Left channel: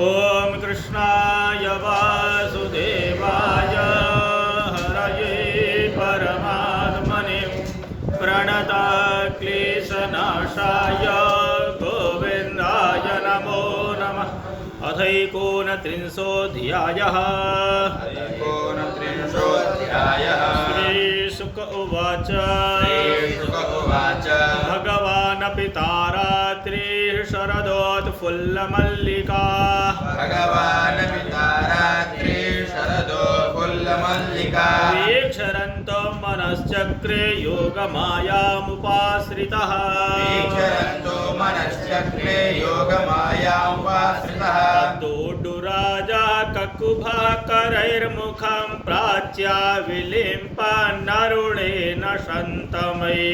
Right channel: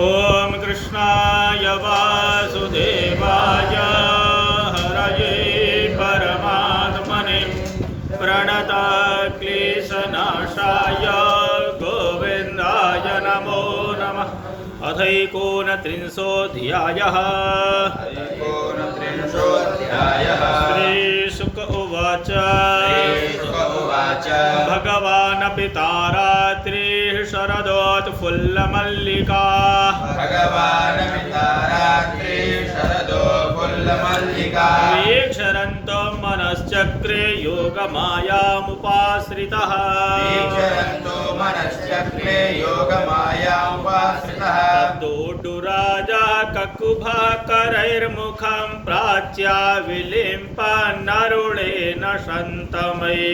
ओम कृष्णाय वासुदेवाय हरये परमात्मने प्रणतक्लेशनाशाय गोविन्दाय नमो नमः। अथैकोनत्रिंशोऽध्यायः। श्रीशुक उवाच भगवानपि तारात्रिः शरदोत्फुल्लमल्लिका वीक्षरन्तो मनश्चक्रे योगमायामुपाश्रितः तद्दोड्डुराजा ककुभकरैर्मुखं प्राच्या विलिम्पन्नरुणेन शन्तमयी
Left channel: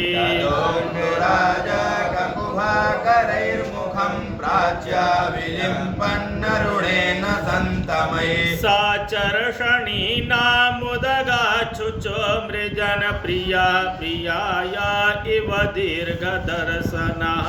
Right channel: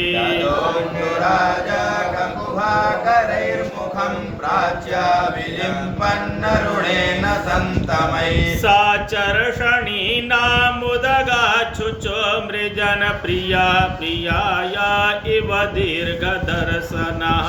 सा चर्षणीनामुदगाच्छुचो मृजन प्रिया प्रियाया इव दीर्घदर्शनः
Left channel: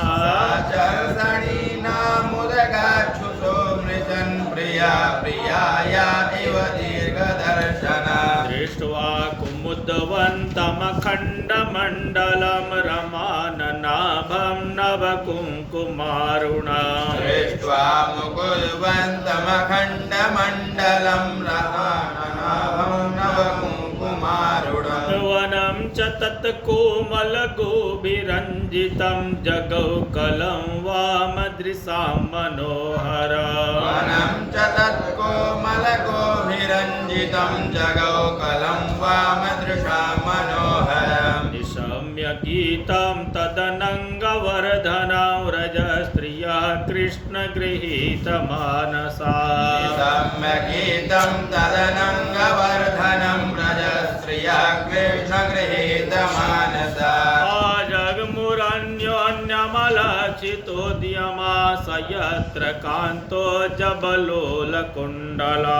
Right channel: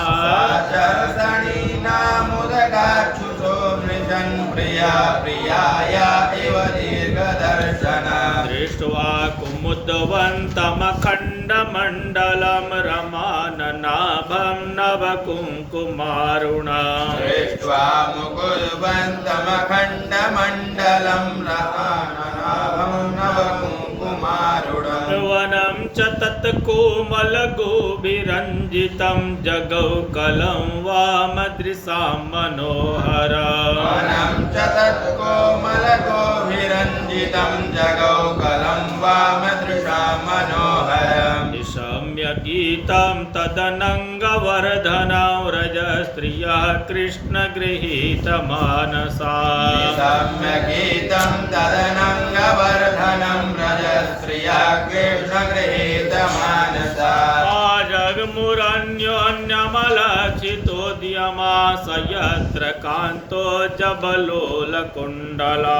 दृष्ट्वा कुमुदवन्तमखण्डमण्डलं रमाननाभं नवकुङ्कुमारुणा वनं च तत्कोमलगोभिरञ्जितं जगौकलं वामदृशां मनोहरम् निशम्य गीतं तदनङ्गवर्धनं रजस्त्रियः कृष्णगृहीतमानसा आजग्मुरन्योन्यमलक्षितोद्यमा स यत्र कान्तो जबलोलकुण्डला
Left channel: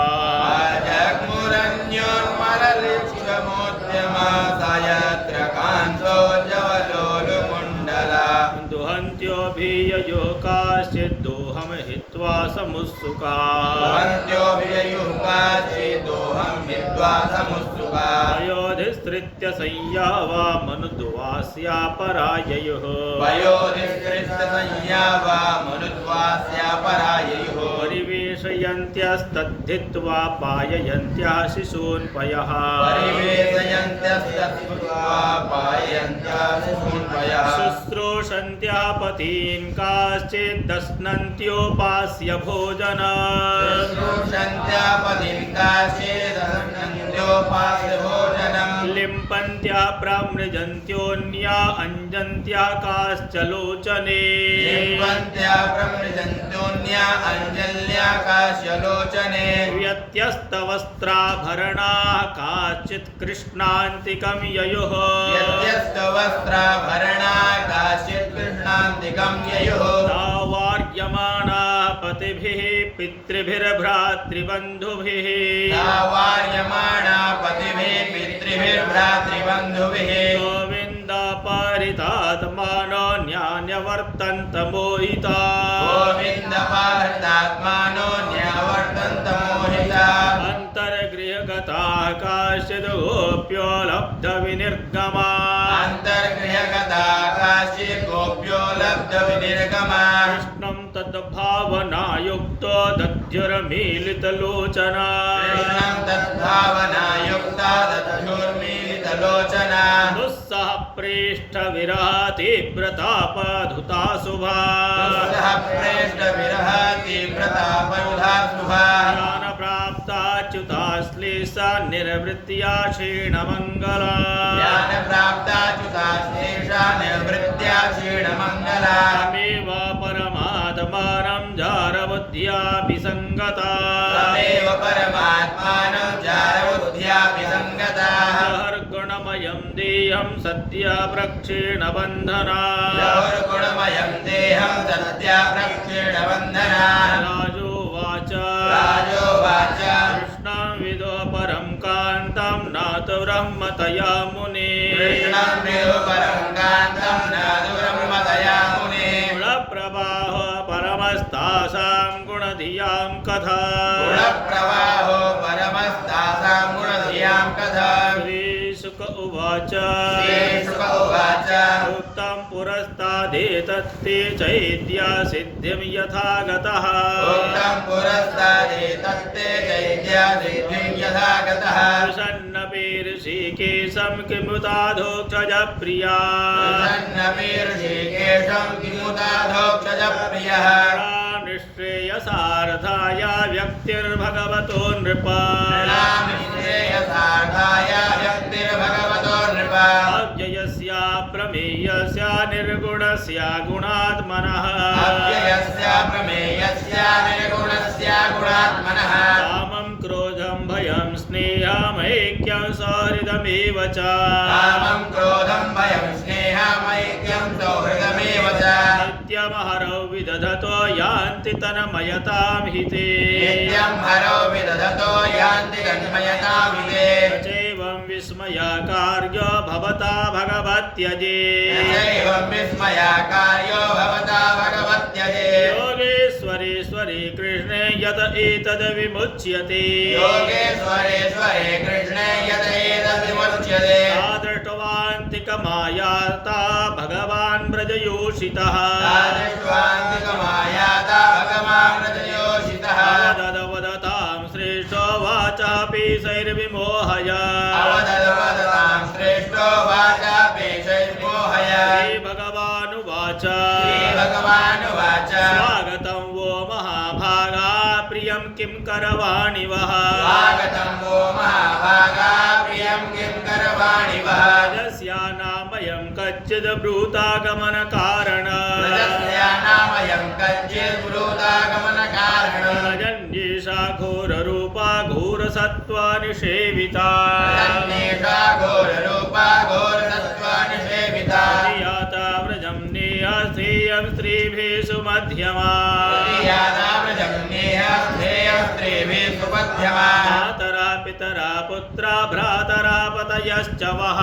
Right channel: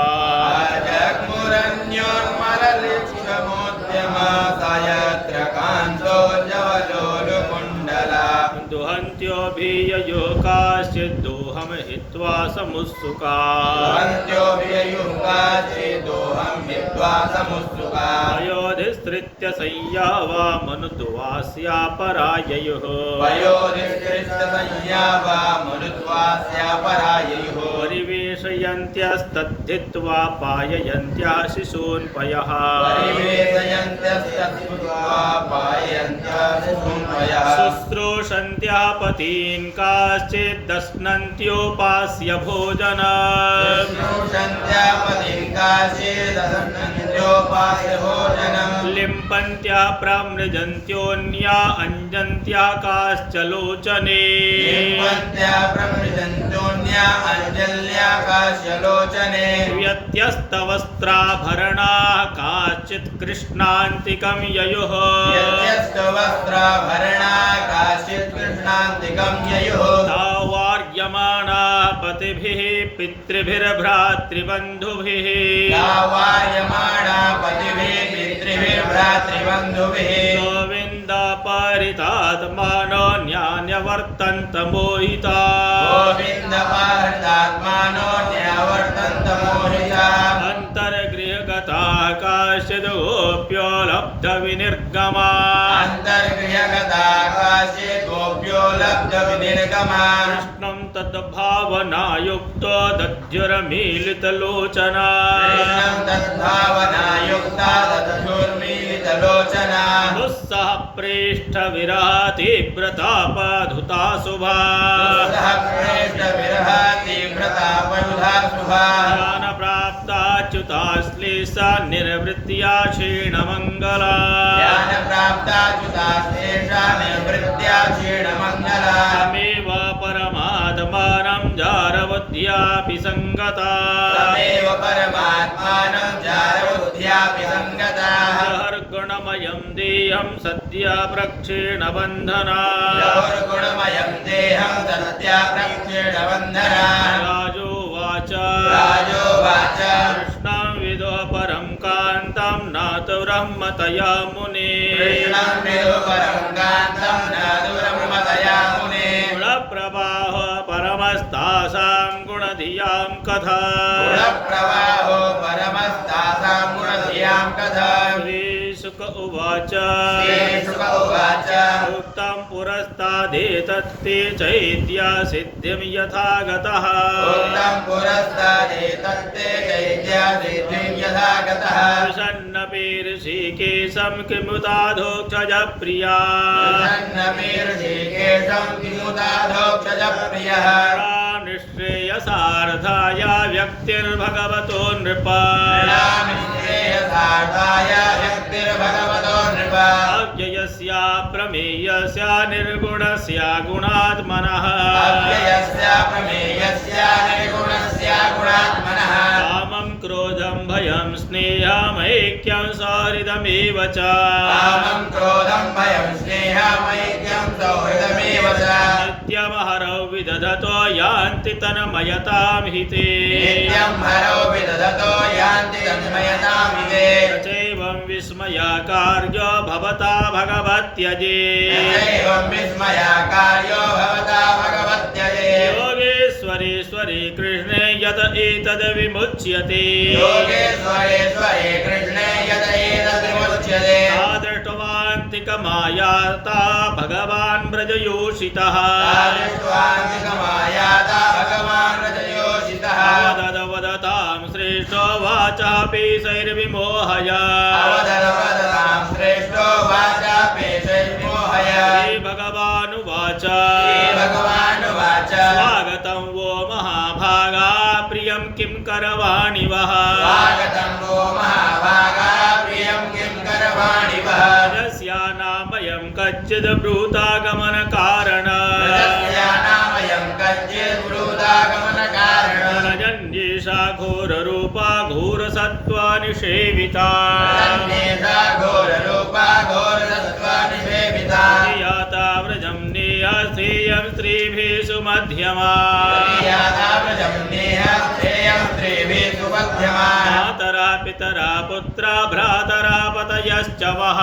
दुहन्त्योऽभिययो काश्चिद्दोहं हित्वा समुत्सुका वयोधिस्तृत्य संयावा मनुद्वास्या पराययोः परिवेशयन्त्यस्तद्धित्वा पाययन्त्याः शिशून् पयः शुश्रूषन्त्याः पतीन् काश्चिद्दश्नन्त्योपास्य भोजना लिम्पन्त्याः प्रमृजन्त्योऽन्या अञ्जन्त्याः काश्च लोचने व्यत्यस्तवस्त्राभरणाः काश्चित् कृष्णान्तिकं ययुः तावार्यमाणाः पतिभिः पितृभिर्भ्रातृबन्धुभिः गोविन्दापहृतात्मानो न्यान्यवर्तन्त मोहिता अन्तर्गृहगताः काश्चिद् गोप्यो लब्धविनिर्गमा कृष्णं तद्भावनायुक्तो दध्युरमीलितलोचना दुस्सह प्रेष्ठविरह तीव्रतापधुता शुभा ज्ञानप्राप्ताच्युताश्लेषा निर्वृत्त्या क्षीणमङ्गला तमेव परमात्मानं जारबुद्ध्यापि सङ्गता गुणमयं देहं सद्य प्रक्षीणबन्धना राजोवाच कृष्णं विदो परं कान्तं नाथ ब्रह्मतया मुने गुणप्रवाह परमस्तासां गुण गुणधियां कथा गुणप्रवाहो परमस्तासां गुणधियां कथा श्रीशुक उवाच श्रीशुक उवाच उक्तं पुरस्तादेतत्ते चैद्या सिद्धिं यथा गतः उक्तं पुरस्तादेतत्ते चैद्या सिद्धिं यथा गतः प्रसन्नपि ऋषिकेशं किमुताधोक्षज प्रिया निःश्रेयसार्थाय व्यक्तिर्भगवतो नृपा अव्ययस्य प्रमेयस्य निर्गुणस्य गुणात्मनः कामं क्रोधं भयं स्नेहमैक्यं सौहृदमेव च नित्यमहरौ विदधतो यान्ति तन्मयतां हिते चैवं विस्मयाकार्यो भवता भगवत्यजे योगेश्वरेश्वरे कृष्णे यत एतद् विमुच्यते दृष्टवान्तिकमायाता भगवान् व्रजयोषितः अवदवदतां श्रेष्ठो वाचः पेशैर्विमोहय श्रीभगवानुवाच स्वागतं वो महाभागा प्रियं किं करवाणि वः यस्यानामयं कच्चिद् ब्रूतागमनकारण रजन्येषा घोररूपा घोरसत्त्वानिषेविता याता व्रजं नेयस्तेयं स्त्रीभिः सुमध्यमा मातरा पितरा पुत्रा भ्रातरा पतयश्च वः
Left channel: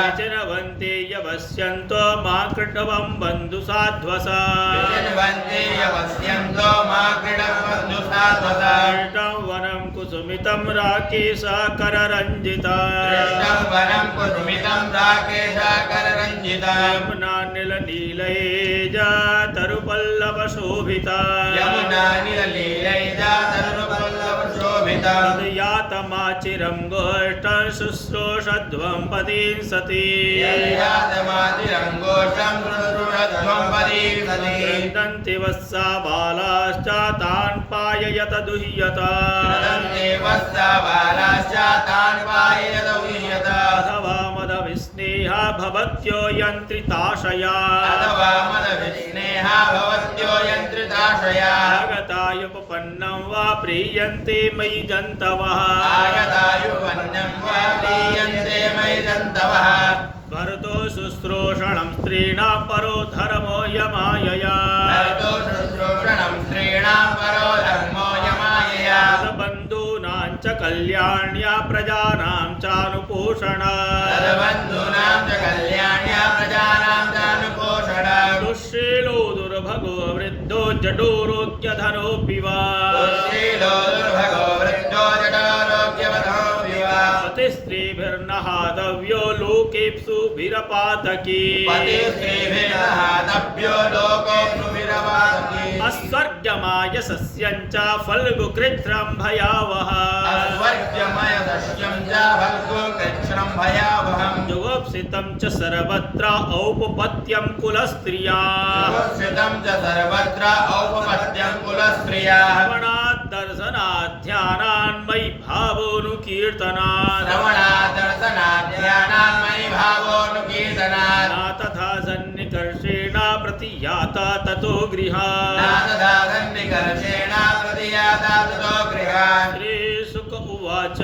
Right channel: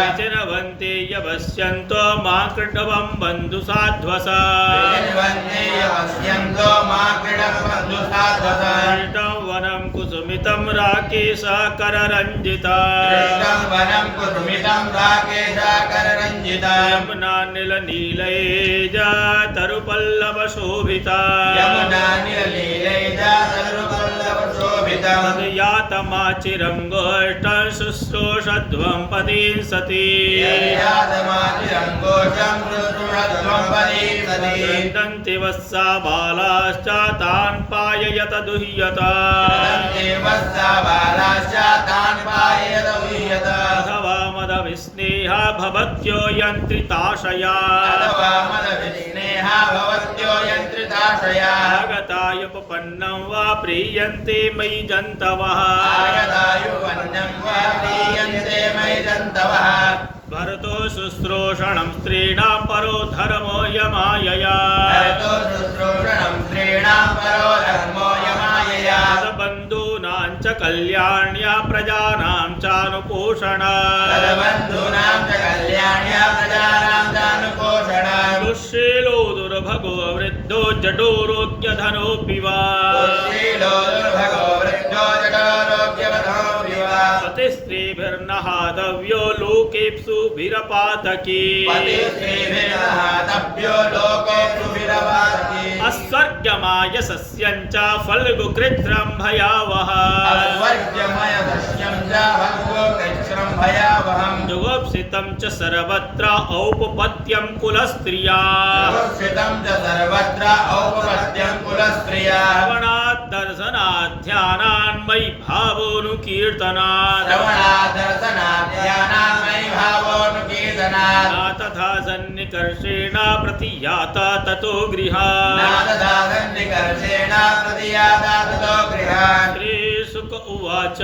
विचिनवन्ति यवस्यन्तो मा कृण्वं बन्धुसाध्वस कृष्णं वनं कुसुमितं राकेशकररञ्जिता यमुना नीलनीलयेजा तरुपल्लवशोभिता तद्यातमाचिरं गोष्ठं शुश्रूषध्वं पतिं सती क्रन्दन्ति वत्सा बालाश्च तान् पाययत दुह्यता अथवा मदविस्नेहा भवत्यो यन्त्रिताशया आगतायुपपन्नं वा प्रीयन्ते मयि जन्तवः भरतो शुश्रूषणं स्त्रीणां परो धर्मो यमायया बन्धूनां च कल्याण्या प्रजानां चानुपोषणा दुःशीलो दुर्भगो वृद्धो जडोरोग्यधनोऽपि वा पतिस्त्रीभिर्नहातव्यो लोकेप्सुभिरपातकी अस्वर्गमायसस्यं च फल्गुकृत्रं भयावह जुगोप्सितं च सर्वत्र औपपत्यं कुलस्त्रिया श्रवणात् दर्शनात् ध्यानान्मयि भावोऽनुकीर्तनात् न तथा सन्निकर्षेण प्रतियाता ततो गृहात् श्रीशुक उवाच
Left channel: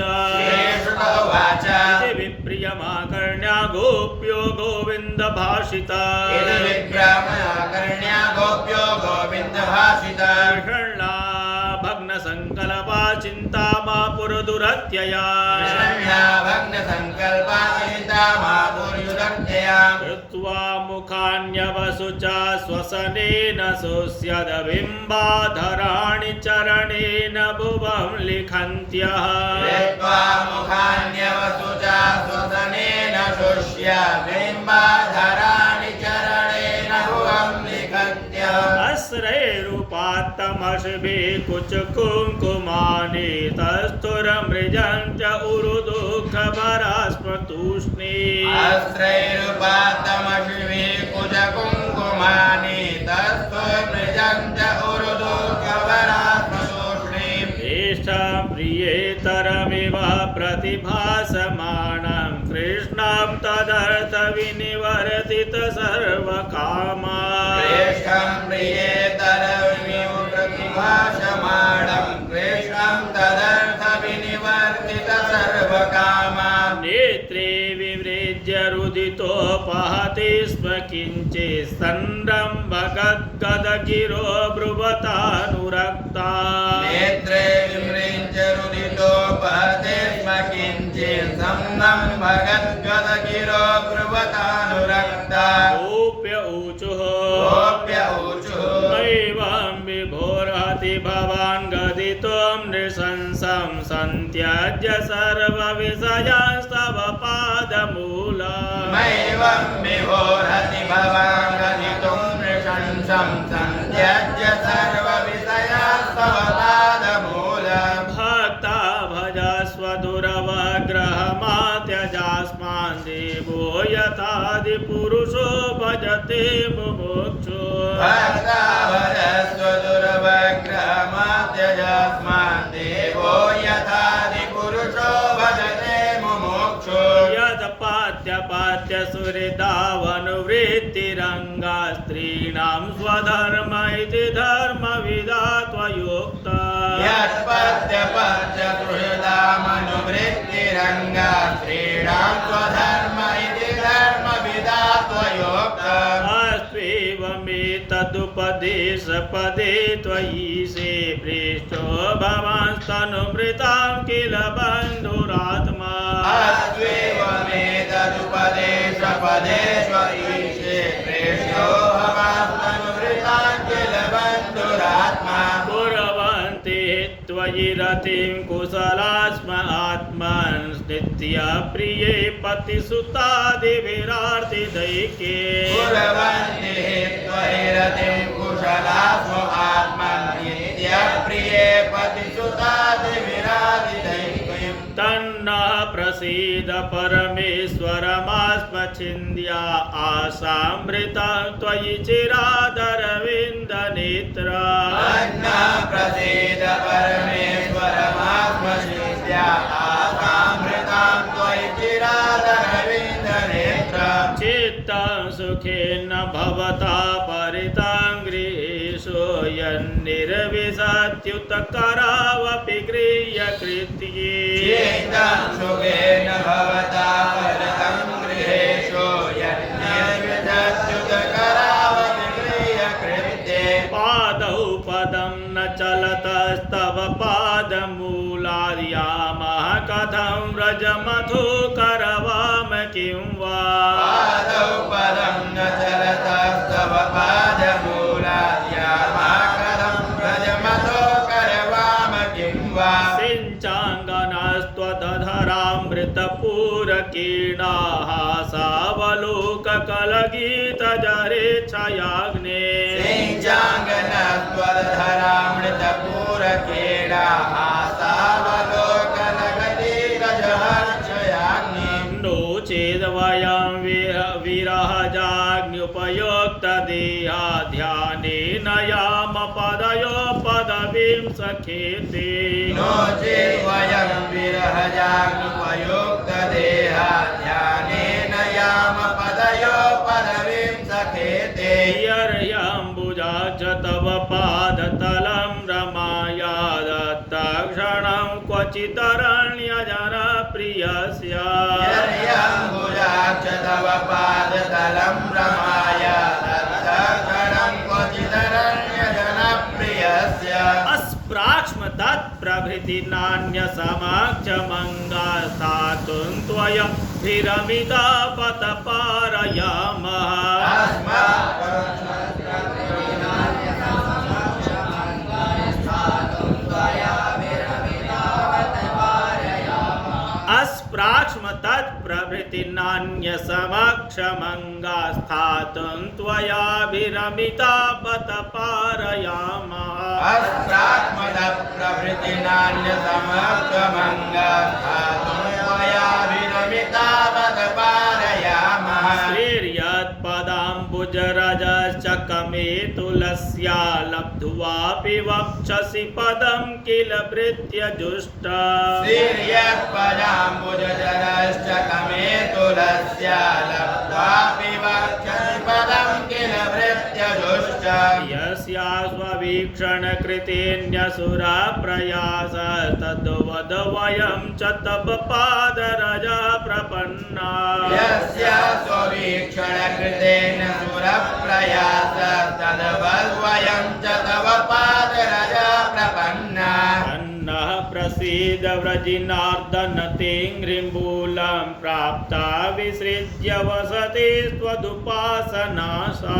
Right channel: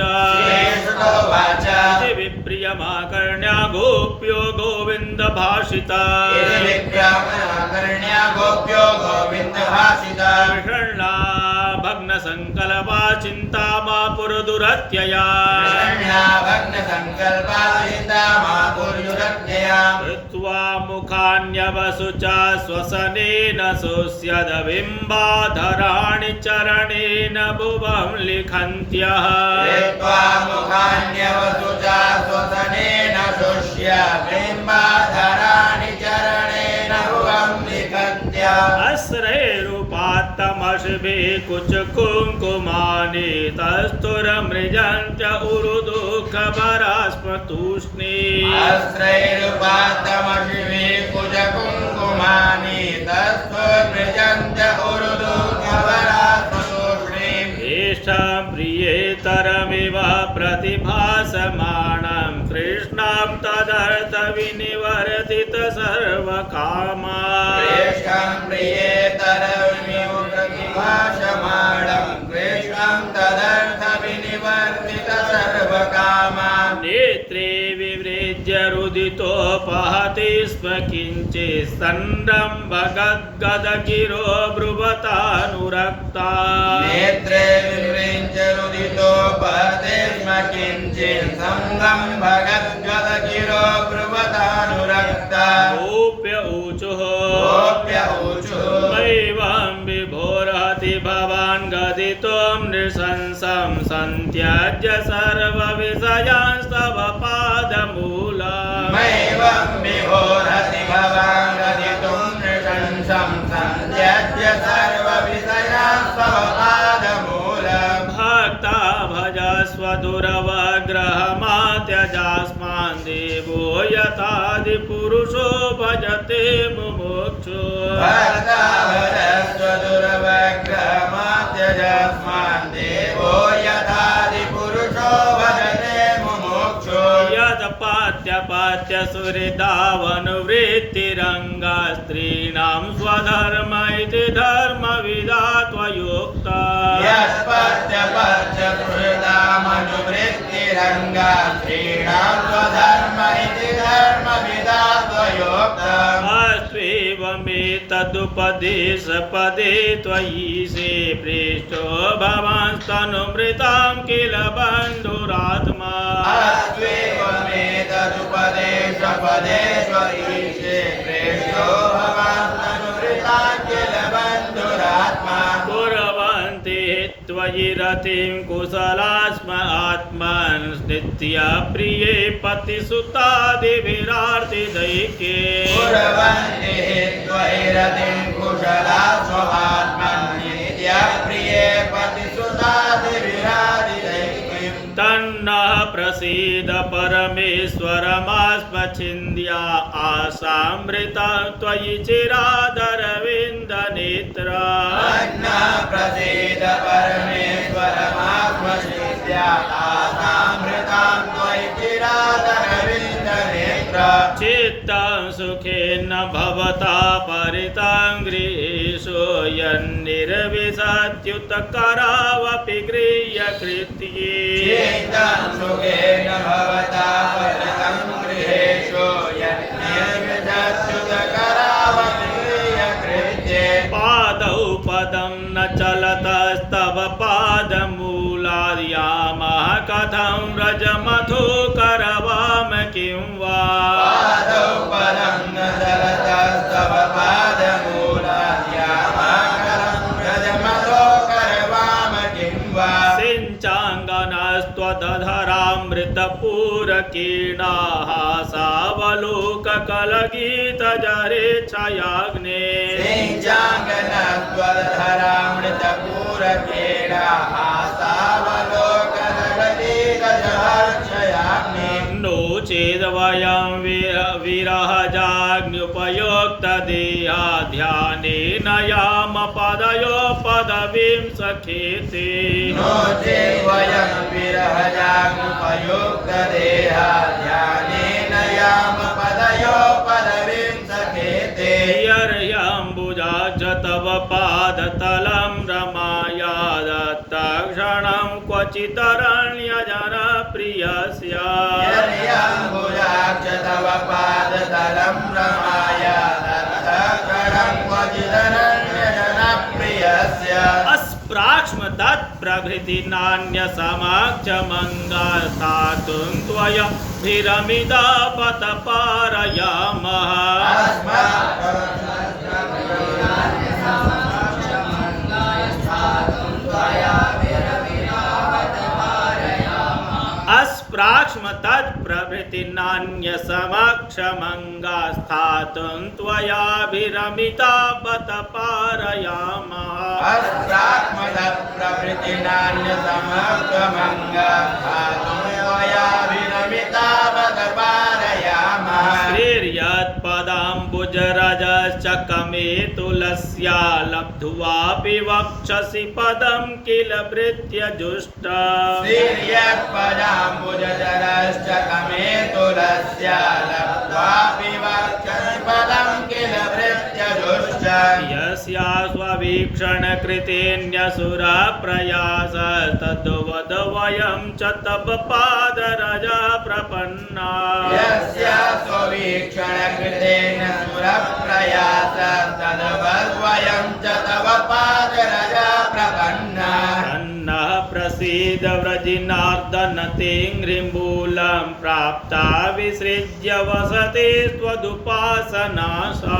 इति विप्रियमाकर्ण्या गोप्यो गोविन्द भाषिता विषण्णा भग्न संकल्पा चिंता मा पुरदुरत्यया संकल्पा चिंता मातुर्युरज्ञया कृत्वा मुखान्यवसुचा स्वसनेन सुस्यदबिम्बाधराणि चरणेन भुवं लिखन्त्यः मुखान्यवसुचा स्वसनेन शुष्य बिम्बाधराणि चरणेन भुवं लिखन्त्यः अस्रैरुपात्तमशिभिः कुचकुङ्कुमानि तस्थुरमृजन्त्य उरुदुःखभरास्मतूष्णी अस्रैरुपात्तमशिभिः कुचकुङ्कुमानि तस्थुरमृजन्त्य उरुदुःखभरास्मतूष्णी येषां प्रियेतरमिव प्रतिभासमानं कृष्णं तदर्थ विनिवर्तित सर्वकामा येषां प्रियेतरमिव प्रतिभासमानं कृष्णं तदर्थ विनिवर्तित सर्वकामान् नेत्रे विवृज्य रुदितोपहति स्म किञ्चित् संरम्भगद्गदगिरो ब्रुवतानुरक्ता नेत्रे विवृज्य रुदितोपहति स्म किञ्चित् संरम्भगद्गदगिरो ब्रुवतानुरक्ता गोप्य ऊचुः मैवं विभोर्हति भवान् गदितुं नृशंसं सन्त्यज्य सर्वविषयांस्तव पादमूलम् मैवं विभोर्हति भवान् गदितुं नृशंसं सन्त्यज्य सर्वविषयांस्तव पादमूलम् भक्ता भजस्व दुरवग्रहमात्यजास्मान् देवो यथादिपुरुषो भजते मुमुक्षु भक्ता भजस्व दुर्वग्रहमात्यजास्मान् देवो यथादिपुरुषो भजते मुमुक्षु यदपात्यपात्य सुहृदावनुवृत्तिरङ्गा स्त्रीणां स्वधर्म इति धर्मविदा त्वयोक्ता यत्पत्यपत्य सुहृदामनुवृत्तिरङ्गा स्त्रीणां स्वधर्म इति धर्मविदा त्वयोक्ता अस्त्वेवमेतदुपदेशपदे त्वयि से पृष्ठो भवांस्तनुमृतां किल बन्धुरात्मा अस्त्वेवमेतदुपदेशपदे त्वयि से प्रेष्यो भवांस्तनुमृतां किल बन्धुरात्मा कुर्वन्ति त्वयि रतिं कुशला स्म आत्मन् नित्यप्रिये पतिसुतादिभिरार्तिदैके कुर्वन्ति त्वयि रतिं कुशला स्वआत्मन्येत्यप्रिये पतिसुतादिभिरार्तिदैकीम् तन्नः प्रसीद परमेश्वरमास्मच्छिन्द्या आशामृता त्वयि चिरादरविन्दनेत्रा अन्नः प्रसीद परमेश्वरमात्मनित्या आसामृतां त्वयि चिरादरविन्दनेत्रा चित्तं सुखेन भवता परितां गृहेषु यन्निर्विशत्युतकरावपि गृह्यकृत्ये चित्तं सुखेन भवता परितं गृहेषु यन्निर्विशत्युतकरावपि गृह्यकृत्ये पादौ पदं न चलतस्तव पादमूलाद्यामः कथं व्रजमथो करवाम किं वा पादौ पदं न चलतस्तव पादमूलाद्यामः व्रजमथो करवाम किं वा सिञ्चाङ्गनस्त्वदधरामृतपूरकीर्णाः सावलोककलगीतजरेच्छयाग्ने सिञ्चाङ्गनस्त्वदधरामृतपूरकीर्णाः सावलोककलगीतजरेच्छयाग्ने नो चेद्वयं विरहजाग्न्युपयोक्तदेहा ध्यानेन याम पदयो पदवीं सखेते नो चेत् वयं विरहजाग्नुपयुक्तदेहा ध्यानेन याम पदयो पदवीं सखेते यर्यम्बुजाज तव पादतलं रमाया दत्तक्षणं क्वचितरण्यजनप्रियस्य यर्यम्बुजाक्ष तव पादतलं रमाय दत्तक्षणं क्वचिदरण्यजनप्रियस्य अस्प्राक्ष्म अस्मत्प्रभृति नान्यसमक्षमङ्गस्थातुं त्वयाभिरमिता बत पारयामः अस्प्राक्ष्मतत्प्रभृति नान्यसमक्षमङ्गस्थातुं त्वयाभिरमिता बत पारयामः अस्प्राक्ष्मतत्प्रभृति नान्यसमक्षमङ्गस्थातुं त्वयाभिरमिता बत पारयामः श्रीर्यत्पदाम्बुजरजश्चकमे तुलस्या लब्ध्वापि वक्षसि पदं किल भृत्यजुष्ट श्रीर्यत्पदाम्बुजरश्चकमे तुलस्या लब्ध्वापि वक्षसि पदं किल भृत्यजुष्ट यस्या स्ववीक्षणकृतेऽन्यसुरा प्रयास तद्वद वयं च तव पादरजः प्रपन्ना यस्या स्ववीक्षणकृतेन सुरप्रयास तद्वद्वयं च तव पादरजः प्रपन्ना अन्नः प्रसीद व्रजिनार्दन तेङ्घ्रिमूलं प्राप्ता विसृज्य वसति त्वदुपासनासा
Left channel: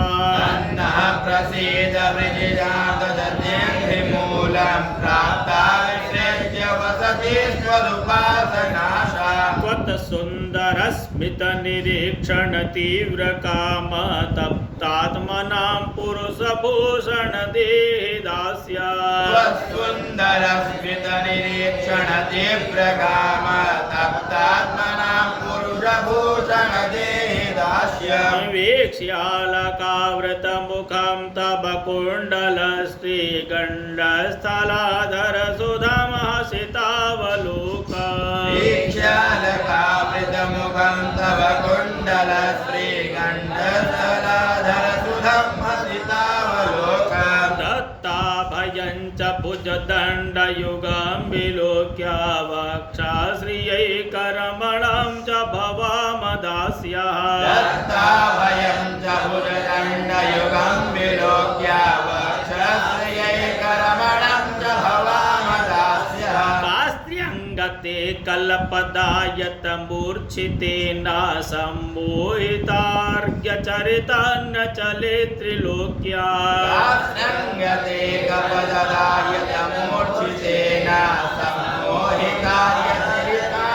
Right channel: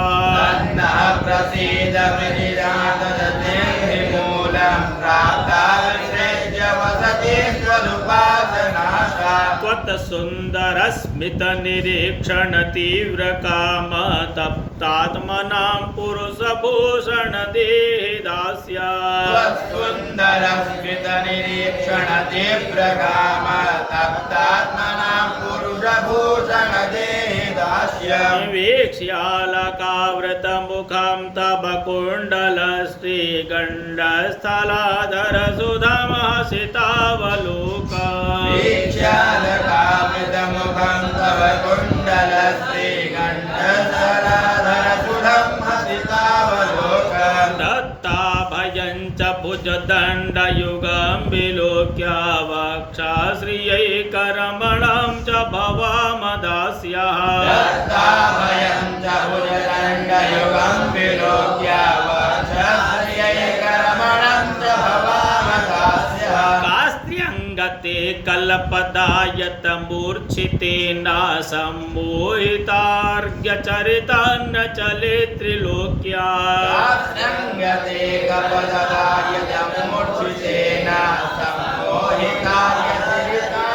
अन्नः प्रसीद वृजिनार्दनतेङ्घ्रिमूलं प्राप्ता विसृज्य वसति त्वदुपासनासा त्वत्सुन्दरस्मितनिरीक्षण तीव्रकाम तप्तात्मनां पुरुषभूषणदेहिदास्या त्वत्सुन्दरस्मितनिरीक्षण तीव्रकाम तप्तात्मनां पुरुषभूषणदेहिदास्य वीक्ष्यालकावृतमुखं तव कुण्डलश्रीगण्डस्थलाधरसुधमहसितावलोका वीक्ष्यालकावृतमुखं तव कुण्डलश्रीगण्डस्थलाधरसुधं हसितावलोकम् दत्ताभयं च भुजदण्डयुगं विलोक्य वक्षाश्रियैकरमणं च भवामदास्यः दत्ताभयं च भुजदण्डयुगं विलोक्य वक्षाश्रियैकरमणं च भवामदास्यः कास्त्र्यङ्गते कल्पदायत मूर्छितेन सम्मोहितार्घ्यचरितं न चले त्रिलोक्या संगते कपददायत मूर्छितेन सम्मोहितार्घ्यचरितं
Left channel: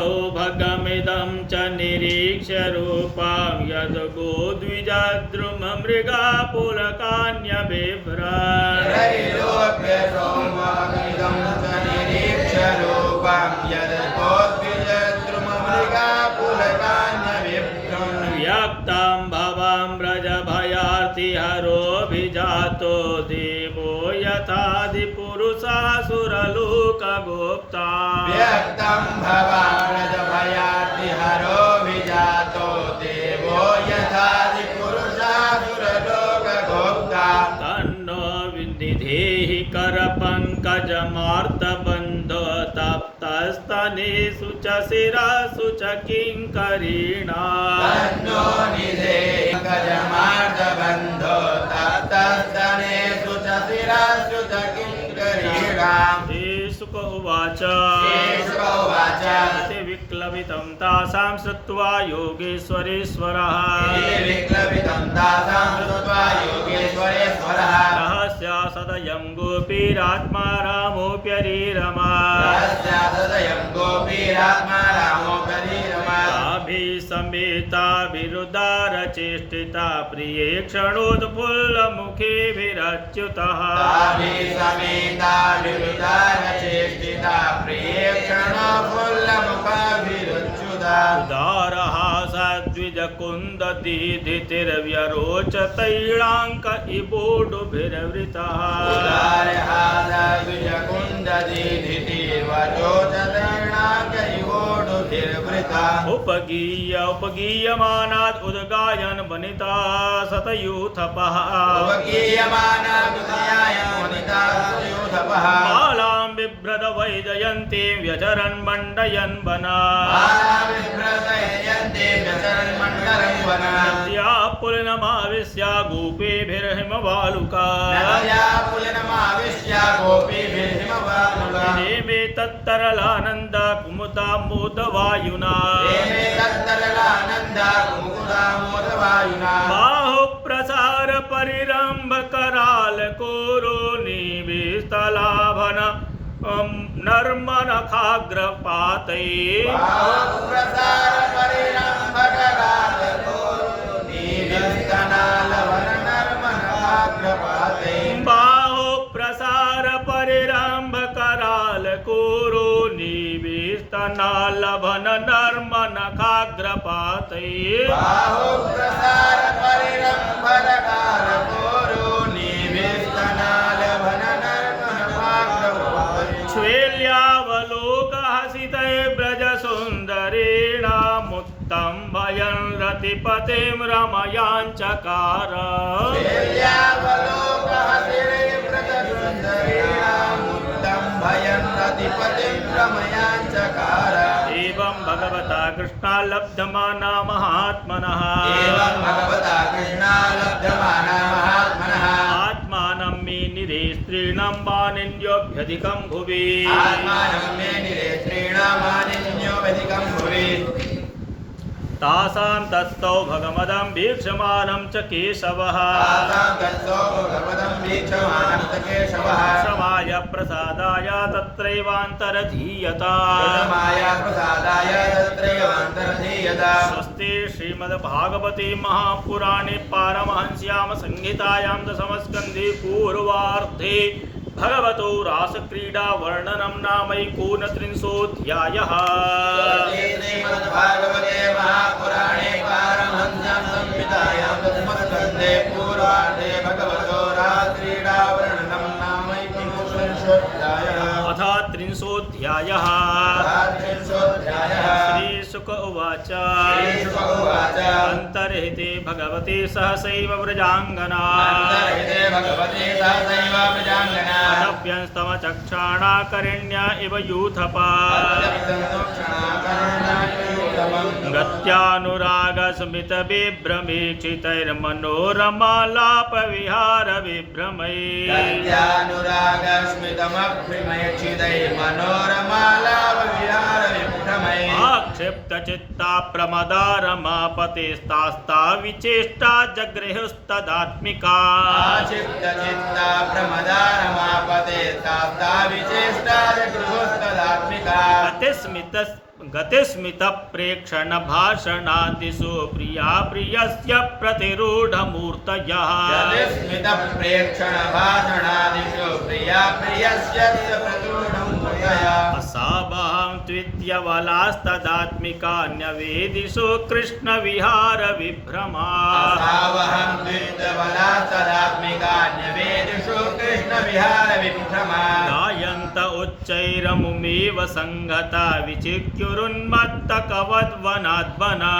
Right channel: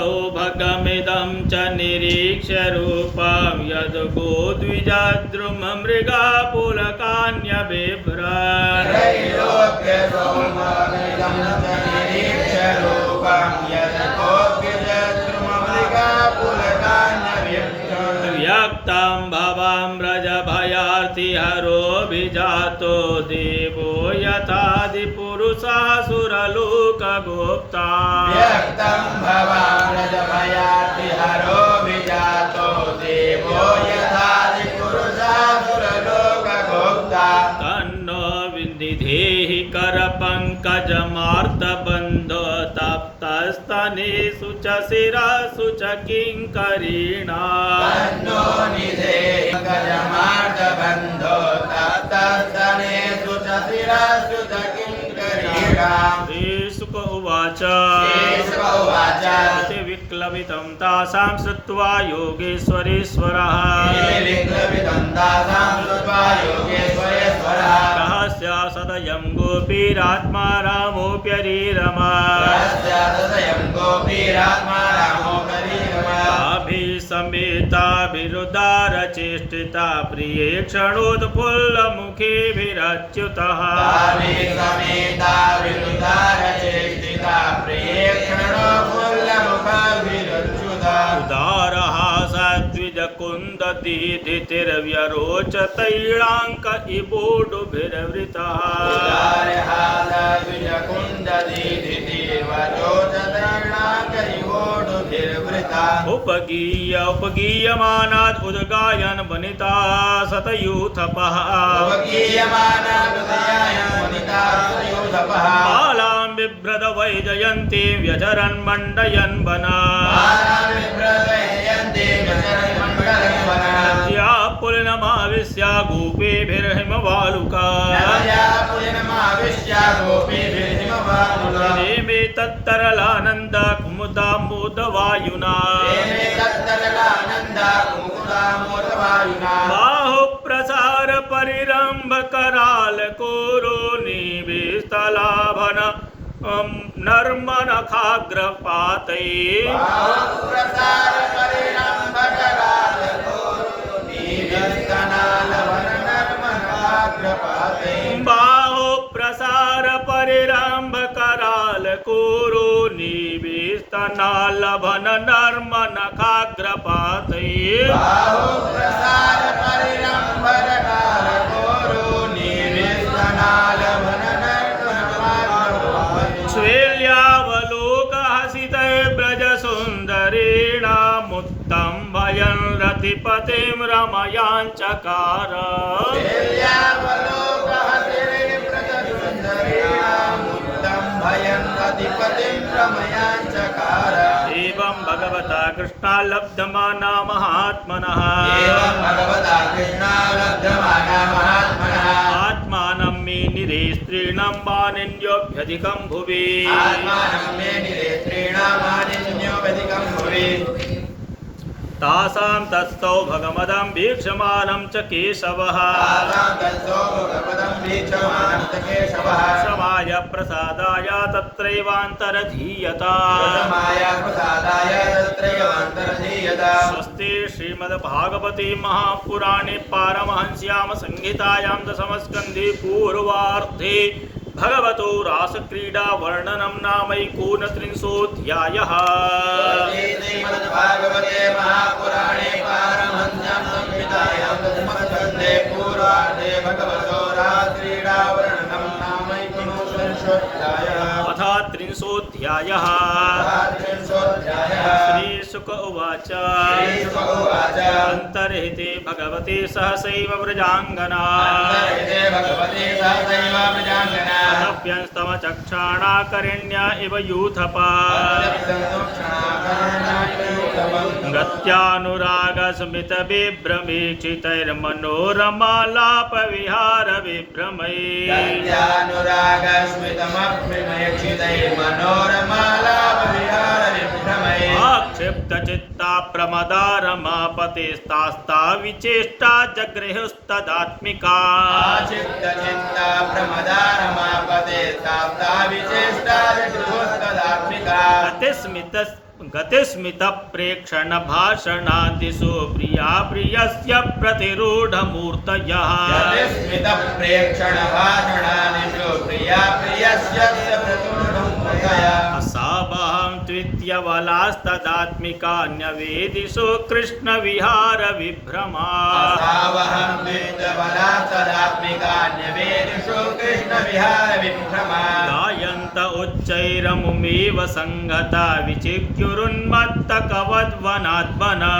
त्रैलोक्यसौभगमिदं च निरीक्ष्य रूपं यद्गोद्विजद्रुममृगा पुलकान्यबिभ्रन् त्रैलोक्यसौभगमिदं च निरीक्ष्य रूपं यद्गोद्विजद्रुममृगा पुलकान्यबिभ्रन् व्यक्तं भवं व्रजभयार्तिहरोऽभिजातो देवो यथादिपुरुषासुरलोकगोप्ता व्यक्तं भवानजभयार्तिहरो विजातो देवो यथादिपुरुषासुरलोकगोप्ता तन्नो विनिधेहि करपङ्कजमार्तबन्धो तप्तस्तनेषु च शिरसु च किङ्करीणा तन्नो निधेहि करपङ्कजमार्तबन्धो तप्तस्तनेषु च शिरसु च किङ्करीणा श्रीशुक उवाच श्रीशुकोवाच इति विक्लवितं तासां श्रुत्वा योगेश्वरेश्वरः विक्लवितं तासां श्रुत्वा योगेश्वरेश्वरः रहस्य सदयं गोपीरात्मा रामोऽप्यरीरमा रहस्य सदयं गोपीरात्मा रामोऽप्यरीरमा ताभिसमेताभिरुदारचेष्टिता प्रिये क्षणोत्फुल्लमुखेभिरच्युतः समेता विरुदारचेष्टिता प्रेक्षणफुल्लमुखभिरुच्युता उदारहासद्विजकुन्ददीधितिर्व्यरोचतैलाङ्क इवोडुभिर्वृतः उपगीयमानाद् उद्गायन् वनिता सतयूथपः बालां बिभ्रद वैजयन्तीं व्यचरन् मण्डयन् वना नद्या पुलिनमाविश्य गोपीभिर्हिमवालुका मे तत्तरलानन्द कुमुदामोदवायुना बाहु प्रसार परिरंभ कराल कोरो निविस्तलाभन नर्मनखाग्रपातै बाहु प्रसार परिरंभ कराल कोरो निविस्तनालभन नर्मनखाग्रपातै श्वेल्यावलोकहसितै ब्रजसुन्दरेणामुत्तं भयन् रतिपतिं रमयाञ्चकार एवं भगवता कृष्णा लब्धमाना महात्मनः आत्मानं मे निरे स्त्रीणां वानिन्योऽभ्यधिकं भुवि तासां तत्तौ भगवदं वीक्षमाणं च केशवः समाय प्रसादाय तत्रैवान्तरधीयता स्वस्ति श्रीमद्भागवते महापुराणे पारमहंस्यां संहितायां दशमस्कन्धे पूर्वार्धे भगवतो रासक्रीडा वर्णनं नामैकोनत्रिंशोऽध्यायः। श्रीमद्भागवते महापुराणे पारमहंस्यां संहितायां दशमस्कन्धे पूर्वार्धे भगवतो रासक्रीडा वर्णनं नामैकोनत्रिंशोऽध्यायः। अथ त्रिंशोऽध्यायः। श्रीशुक उवाच अन्तर्हिते भगवते सहसैव व्रजाङ्गना अतप्यंस्तमचक्षाणाकरिण्या इव यूथपा गत्यानुरागस्मितबिभ्रमीक्षितैर्मनोरमालापविहारविभ्रमै आक्षिप्तचित्ता प्रमदारमापतेस्तास्ता विचेष्टा जगृहुस्तदात्मिका गतिस्मित प्रेक्षण भाषणादिषु प्रिया प्रियस्य प्रतिरूढमूर्तयः असावहं द्वितीयबलास्तदात्मिकान्यवेदिषु कृष्णविहारविभ्रमा गायन्त उच्चैरमुमेव संगता विचिक्युरुन्मत्तकवद्वनाद्वना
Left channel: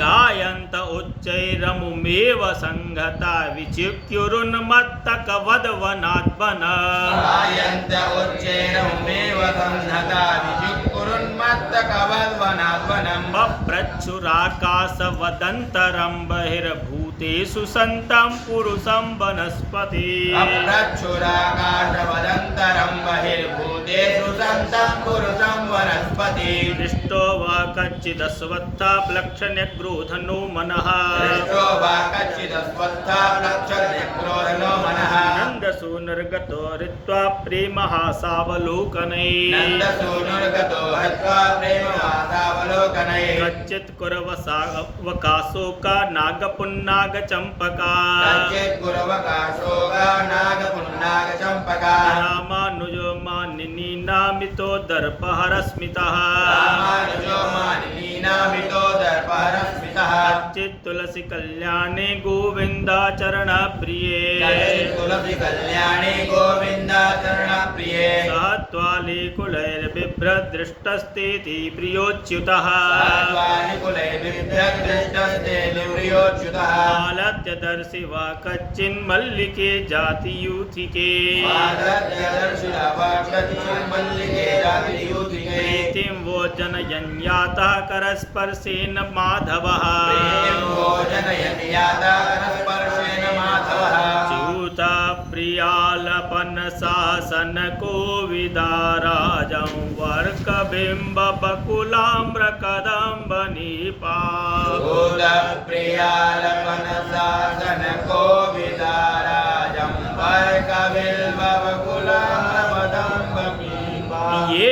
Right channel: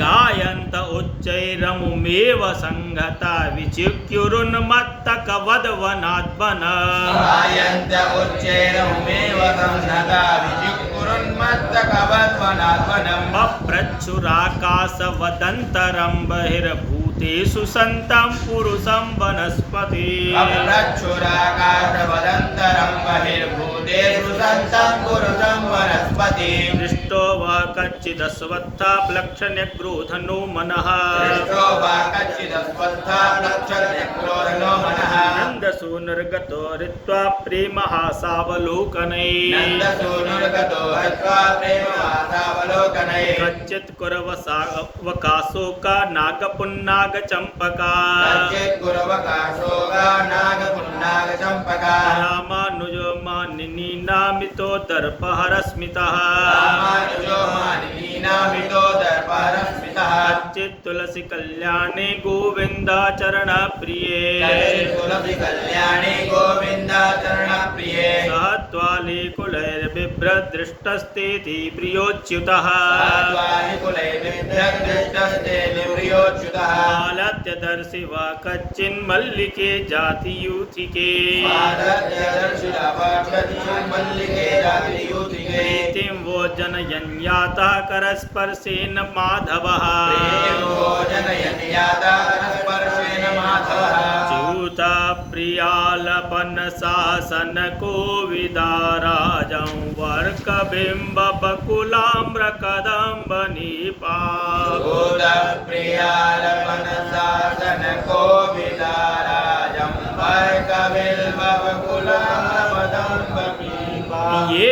गायन्त उच्चैरमुमेव संगता विचिक्युरुन्मत्तकवद्वनाद्वना पप्रच्छुराकाशवदन्तरं बहिर्भूतेषु सन्तं पुरुषं वनस्पति दृष्टो वा कच्चिदश्वत्था प्लक्षण्यग्रोधनो मनः नन्दसु निर्गतो ऋत्वा प्रेमहासावलोकनै कच्चित् कुरवकाशोका नागपुन्नागचम्पका रामानुजो मानिनी नामितो दर्पहरस्मितः कच्चित् तुलसी कल्याणे गोविन्दाचरणप्रिये सह त्वालीकुलैर्बिभ्रदृष्टस्तेति प्रियोच्युतः आलत्यदर्शि वा कच्चिन्मल्लिके जातियूथिके प्रीतिं वो जनयन्यातः करस्पर्शेन माधवः च्यूता प्रियालपन शासन कोविदाराजं वर्कबिम्ब बकुलाम्र कदम्ब नीपा ये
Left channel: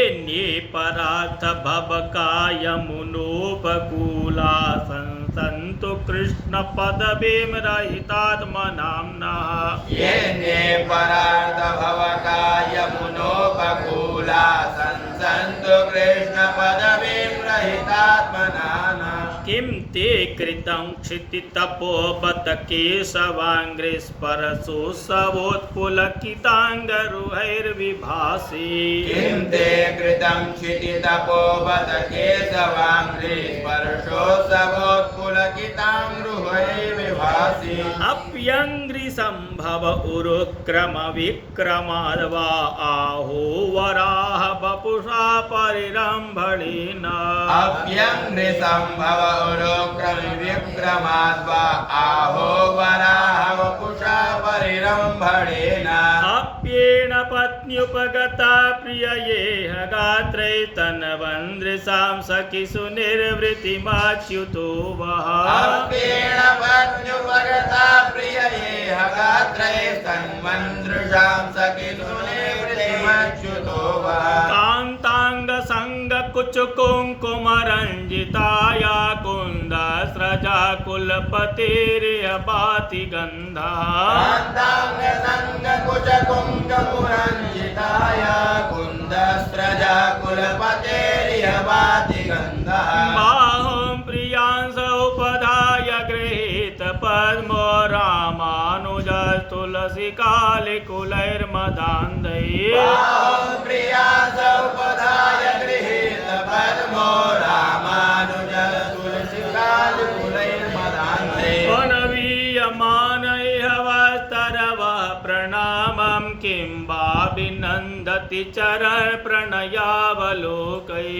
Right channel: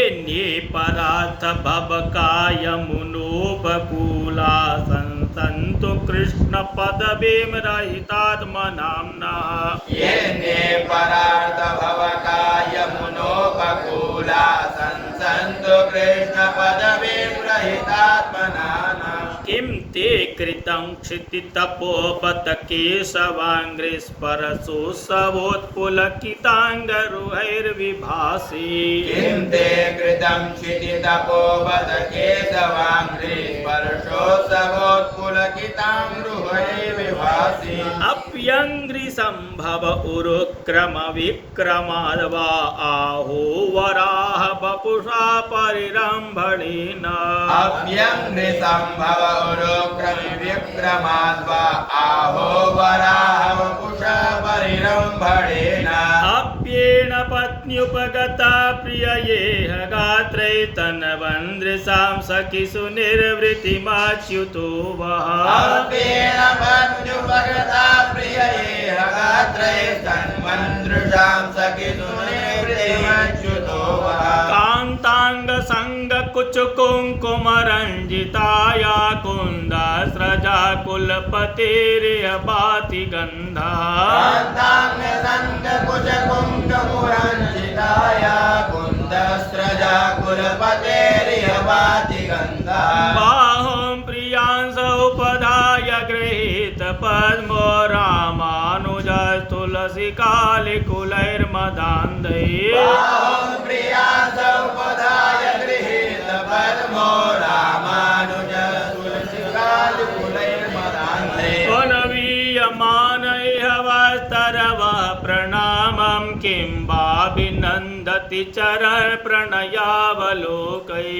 परार्थ भवकाय मुनोपकूला संसन्तु कृष्ण पदवीं रहितात्मनाम्नः ये परार्थ भवकाय मुनोपकूला संसन्तु कृष्ण पदवीं रहितात्मनाम्नः किं ते कृतं क्षितितपोबत केशवाङ्घ्रिस्परशो सवोत्पुलकिताङ्गरुहैर्विभासि किं ते कृतं क्षितितपोबत केशवाङ्घ्रिस्परशो सवोत्पुलकिताङ्गरुहैर्विभासि अप्यङ्घ्रिसम्भव उरुक्रमविक्रमाद्वा आहो वराह वपुषा परिरम्भणेन अप्यङ्घ्रिसम्भव विक्रमाद्वा आहो वराह वपुषा परिरम्भणेन अप्येण पत्न्युपगता प्रिययेह गात्रैतन्वन्द्रिसां सखिषु निर्वृतिमाच्युतो वः अप्येण पत्न्युपगता प्रिययेह गात्रैतन्वन्द्रिसां सखिषु निर्वृतिमाच्युतो वः कान्ताङ्गसङ्गकुचकुङ्कुमरञ्जिताया कुन्दस्रजा कुलपतेरिह भाति गन्धः कान्ताङ्गसङ्गकुचकुङ्कुमरञ्जिताया कुन्दस्रजा कुलपतेरिह भाति गन्धः बाहुं प्रियांस उपधाय गृहीत पद्मो रामानुजस्तुलसी कालिकुलैर्मदान्धैः प्रियांस उपधाय गृहीत पद्मो रामानुजस्तुलसी कालिकुलैर्मदान्धैः अनवीयमान इह वस्तरवः प्रणामं किं वाभिनन्दति चरण प्रणयावलोकैः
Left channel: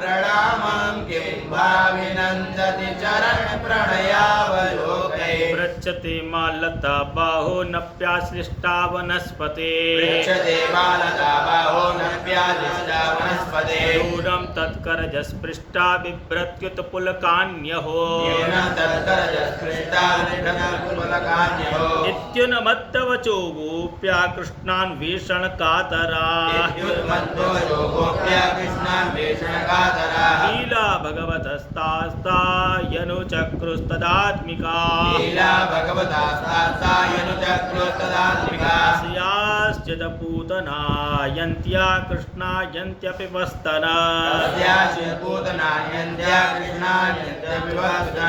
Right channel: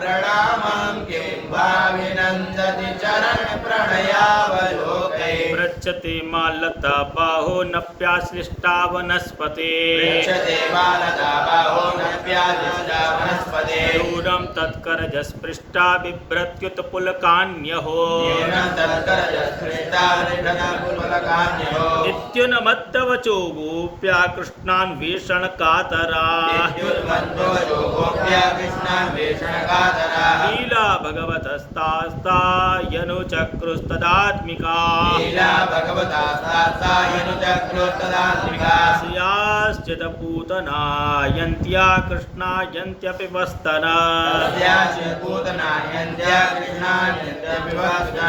प्रणामं किं वाभिनन्दति चरण प्रणयावलोकैः पृच्छते मालता बाहो नप्याश्लिष्टा वनस्पते दूरं तत्करजस्पृष्टा बिभ्रत्युत्पुलकान्यहो नित्युन्मत्तवचो गोप्या कृष्णान्वेषणकातरा लीला भगवतस्तास्ता यनुचक्रुस्तदात्मिका स्याश्चित् पूतना यन्त्या कृष्णा यन्त्यपि वस्तना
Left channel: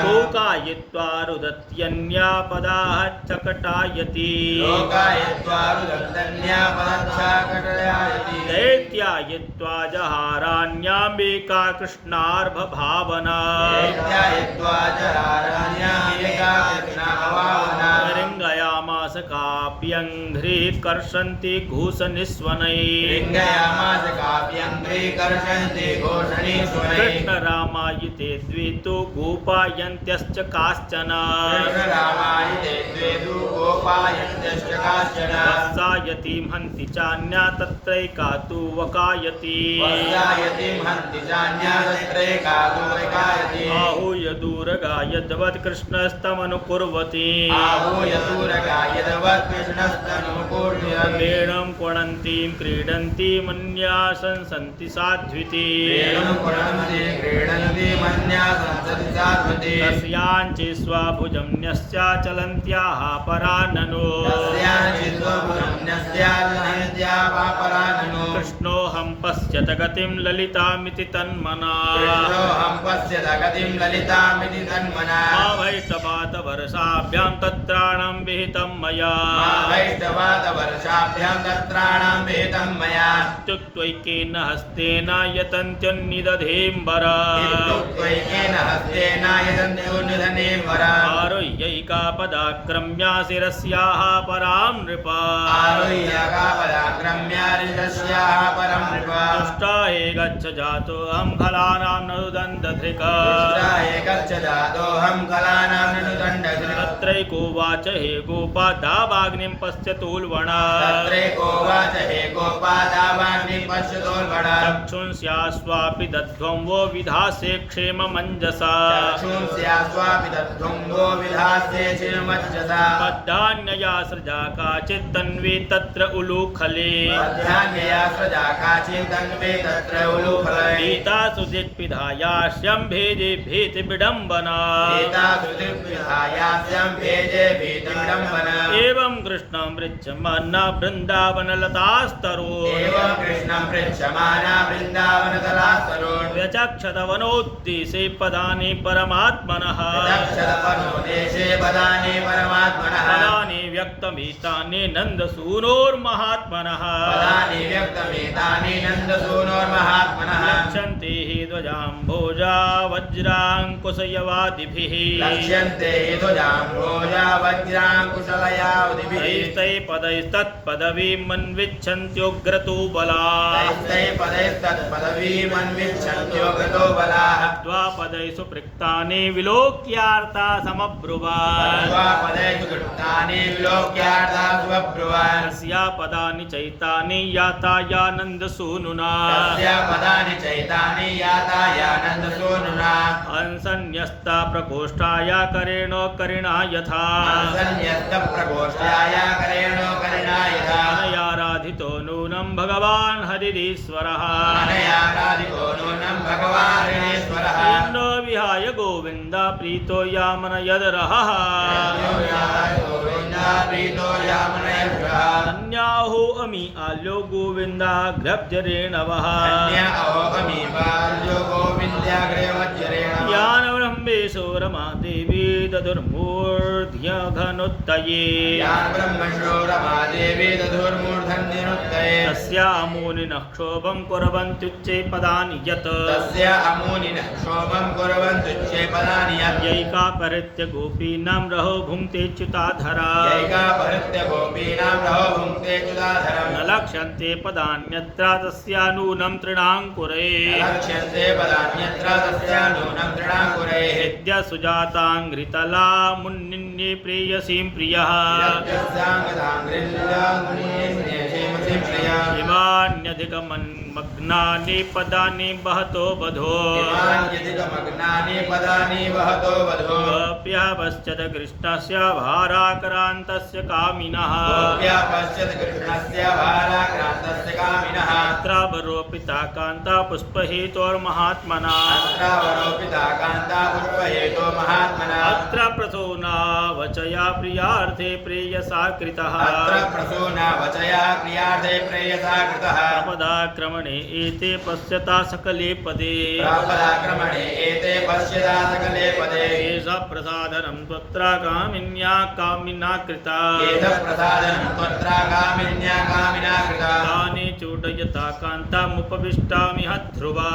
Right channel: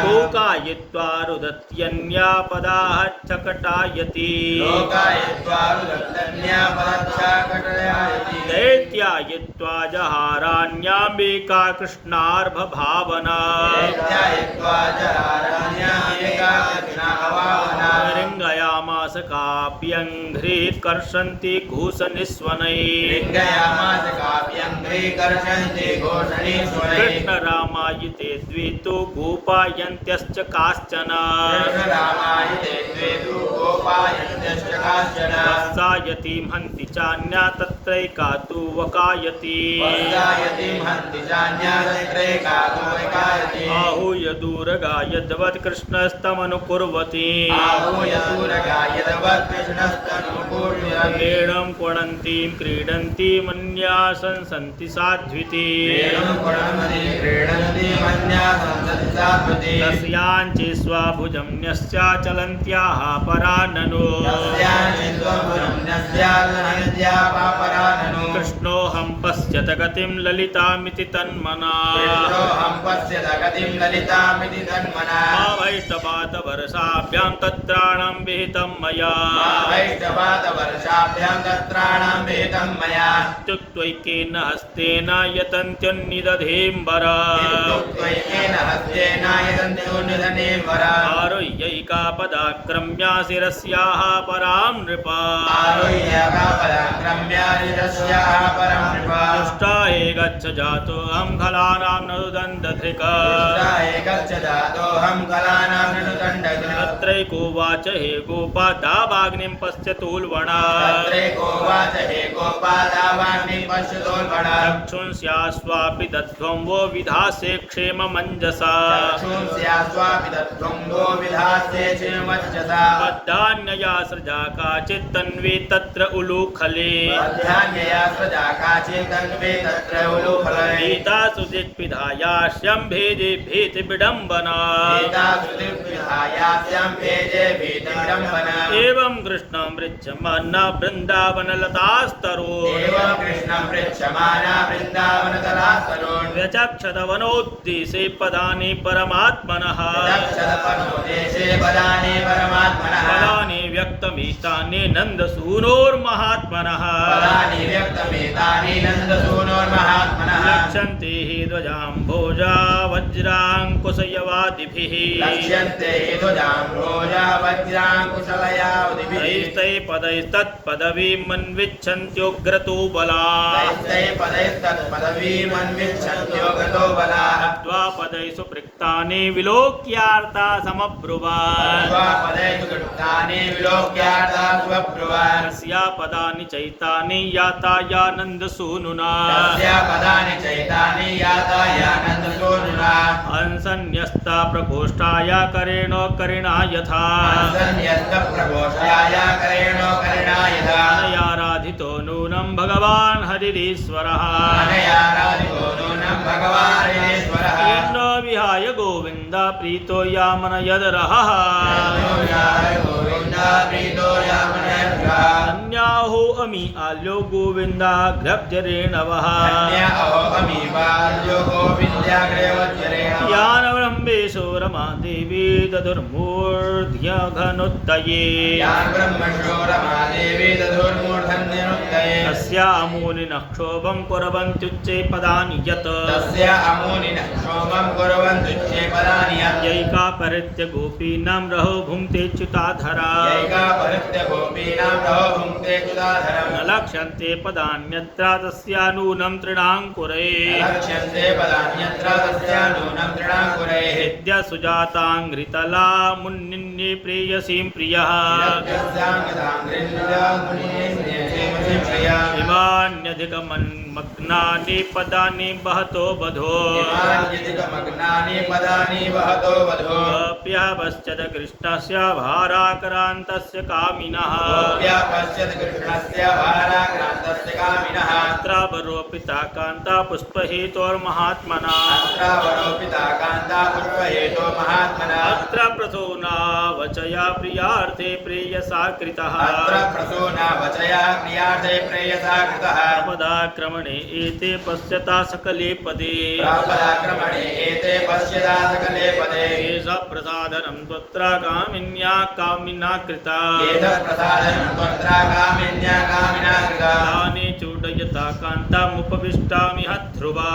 लोकायित्वा रुदत्यन्या पदाः चकटायति दैत्यायित्वा जहारान्याम्बिका कृष्णार्भभावना रिङ्गयामास काप्यङ्घ्रिः कर्षन्ति घूसनिस्वनैः कृष्णरामायिते द्वे तु गोपायन्त्यश्च काश्चन वत्सायतीं हन्ति चान्या तत्रैका तु वकायति आहूय दूरगा यद्वत् कृष्णस्तमनुकुर्वति वेणं क्वणन्तीं क्रीडन्तीमन्यासं सन्ति साध्विति तस्याञ्चि स्वभुजं न्यस्याचलन्त्याः पराननो कृष्णोऽहं पश्यत गतिं ललितामिति तन्मना कृष्णोऽहं पश्यत गतिं ललितामिति तन्मना मा वैष्टवातवर्षाभ्यां तत्राणं विहितं मया वैष्टवातवर्षाभ्यां तत्राणां विहितं मया इत्युक्त्वैकेन हस्तेन यतन्त्यन्निदधेम्बरा इत्युक्त्वैकेन हस्तेन यतन्त्योन्निदधेम्बरा आरुह्यैका पदाक्रम्या शिरस्याः परां नृपा आरुह्यकापदाक्रम्यारितस्याः परं नृपा दुष्टा हे गच्छ जातोऽहं खलानां ननुदन्तधृका गच्छ जातोऽहं खलानां ननुदन्तधृका तत्रैकोवाच हे गोपा दावाग्निं पश्यतोल्बणा तत्रैकोवाच हे गोपा दावाग्निं पश्यतोल्बणा चक्षुंस्यास्वापि दध्वं वो विधास्ये क्षेममञ्जसा चक्षुंस्यास्वापि दध्वं वो विधास्ये क्षेममञ्जसा बद्धान्यया सृजा काचित्तन्वी तत्र उलूखले बद्धान्यया सृजा काचित्तन्वी तत्र उलूखले भीतासु दिक्पिधायास्यं भेजे भीतिविडम्बना एवं कृष्णं पृच्छमाना वृन्दावनलतास्तरोन् व्यचक्षतवनोद्देशे पदानि परमात्मनः पदानि व्यक्तमितानि नन्दसूनोर्महात्मनः लक्ष्यन्ते हि ध्वजाम्भोजा वज्राङ्कुशयवादिभिः तैस्तै पदैस्तत्पदवीं मन्विच्छन्त्युग्रतो बलात् द्वापदैषु पृक्तानि विलोक्यार्ता समब्रुवान् तस्या पदानि चैतानि यातायानन्दसूनुना अंसन्यस्ता प्रकोष्ठाय करेण करिणा यथा अनयाराधितो नूनं भगवान् हरिरीश्वरः इन्द्रो विहाय गोविन्द प्रीतो यामन यदरहः अन्याहो अमी आल्यो गोविन्दाग्रब्जरेणवः यान ब्रह्मेशो रमा देवी दधुर्मूर्ध्यघनुत्तये तस्या अमूनिनः क्षोभं कुर्वन्त्युच्चे पदानि यत् यैका परित्य गोपीनां रहो भुङ्क्ते च्युताधरा न लक्ष्यन्ते पदान्यत्र तस्या नूनं तृणाङ्कुरे विद्या सुजाताङ्घ्रितला मुन्निन्ये प्रेयसीं प्रियः इमान्यधिकमन्मग्नानि पदानि बहतो बधो गोप्यः पश्यत कृष्णस्य भाराक्रान्तस्य कामिनः अत्रावरोपिता कान्ता पुष्पहेतोर्महात्मना अत्र प्रसूनावचया प्रियार्थे प्रेयसा कृतः पदाक्रमणे एते पश्यता सकले पदे एषा प्रसादनं त्वत्र कामिन्या कामिना कृता तानि चूडयता कान्तामुपविष्टामि हध्रुवा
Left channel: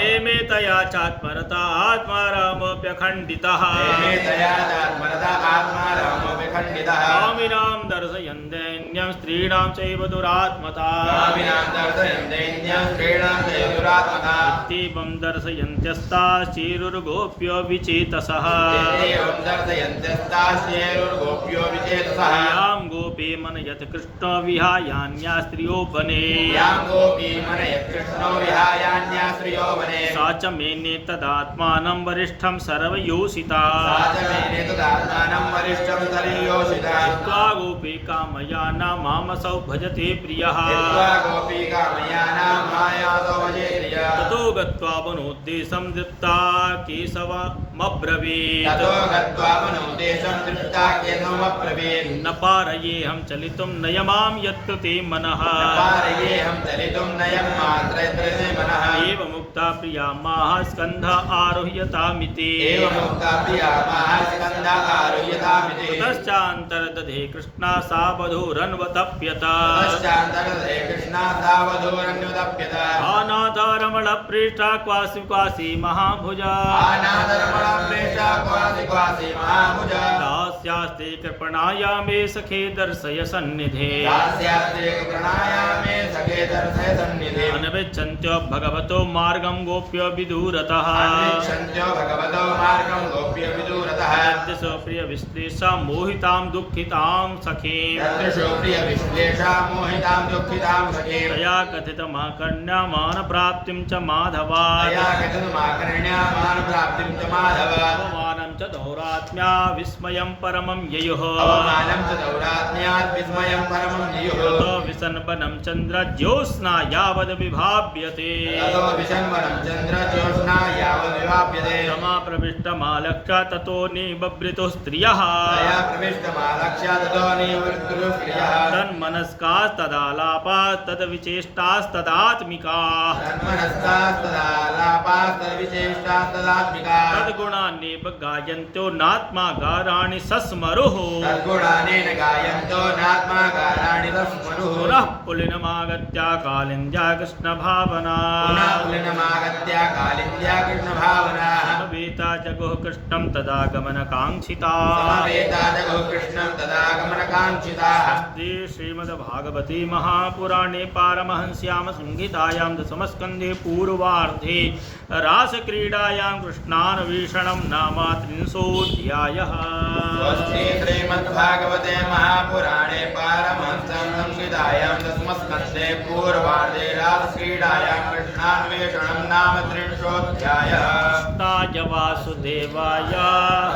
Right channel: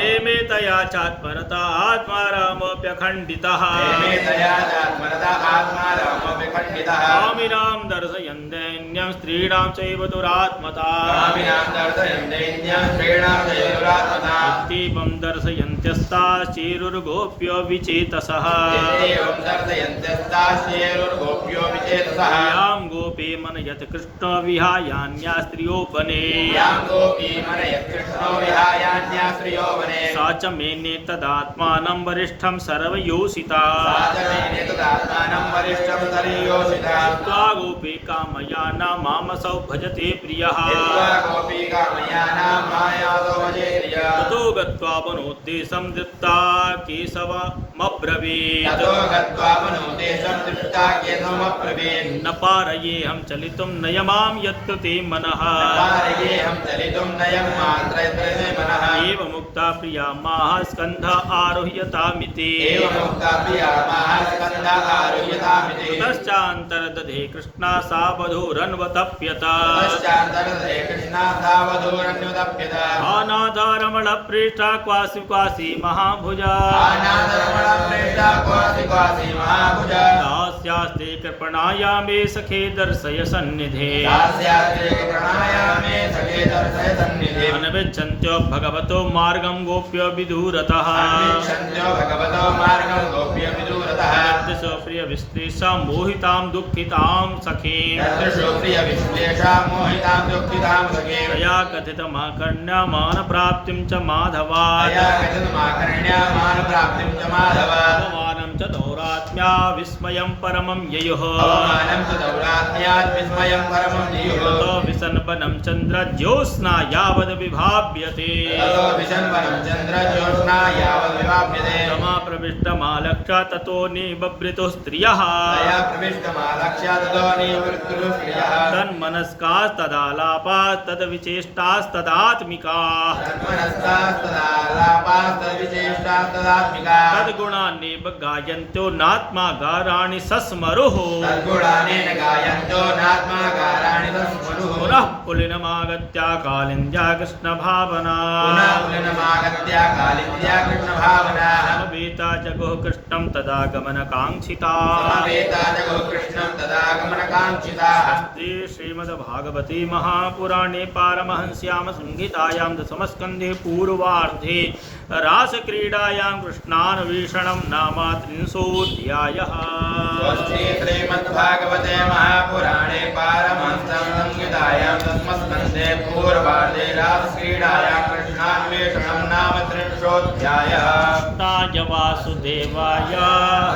रेमे तया चात्मरता आत्मारामोऽप्यखण्डितः कामिनां दर्शयन् दैन्यं स्त्रीणां चैव दुरात्मता इत्येवं दर्शयन्त्यस्ताश्चेरुर्गोप्यो विचेतसः यां गोपी मनयत् कृष्णो विहायान्या स्त्रियो वने सा च मेने तदात्मानं वरिष्ठं सर्वयोषिता त्वा गोपिका मया न मामसौ भजते प्रियः ततो गत्वा वनोद्देशं दृप्ता केशवमब्रवीत् न पारयेऽहं चलितुं नयमां यत्कृते मनः एवमुक्ता प्रिया माः स्कन्ध आरुह्यतामिति ततश्चान्तर्दधे कृष्णा सा वधूरन्वतप्यत अनाथरमणप्रेष्ठा क्वासि क्वासि महाभुजा दास्यास्ते कृपणायामे सखे दर्शय सन्निधे अनविच्छन्त्यो भगवतो मार्गं गोप्यो विदूरतः प्रिय विश्लेषा मोहितां दुःखितां सखीं तया कथितमाकर्ण्यमान प्राप्तिं च माधवात् अवमानं च दौरात्म्या विस्मयं परमं ययुः ततो विसन्पनं चन्द्र ज्योत्स्ना यावद् विभाव्यते तमा प्रविष्टमालक्ष्य ततो निबभृतो स्त्रियः तन्मनस्कास्तदालापात् तद्विचेष्टास्तदात्मिकाः तद्गुणान्नेव गायन्त्यो नात्मा गाराणि सस्मरुः पुनः पुलिनमागत्य कालिन्द्या कृष्णभावना समवेता जगुः कृष्णं तदा गमनकाङ्क्षिता अस्ति श्रीमद्भागवते महापुराणे पारमहंस्यां संहितायां दशमस्कन्धे पूर्वार्धे रासक्रीडायां कृष्णान्वेषणं नाम 30ोऽध्यायः। श्रीमद्भागवते महापुराणे पारमहंस्यां संहितायां दशमस्कन्धे पूर्वार्धे रासक्रीडायां कृष्णान्वेषणं नाम 30ोऽध्यायः। ताय वासुदेवाय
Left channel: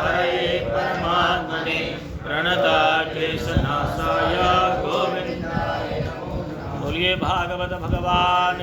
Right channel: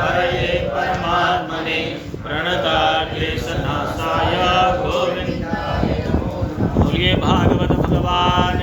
हरये परमात्मने प्रणताक्लेशनाशाय गोविन्दाय नमो नमः। बोलिए भागवत भगवान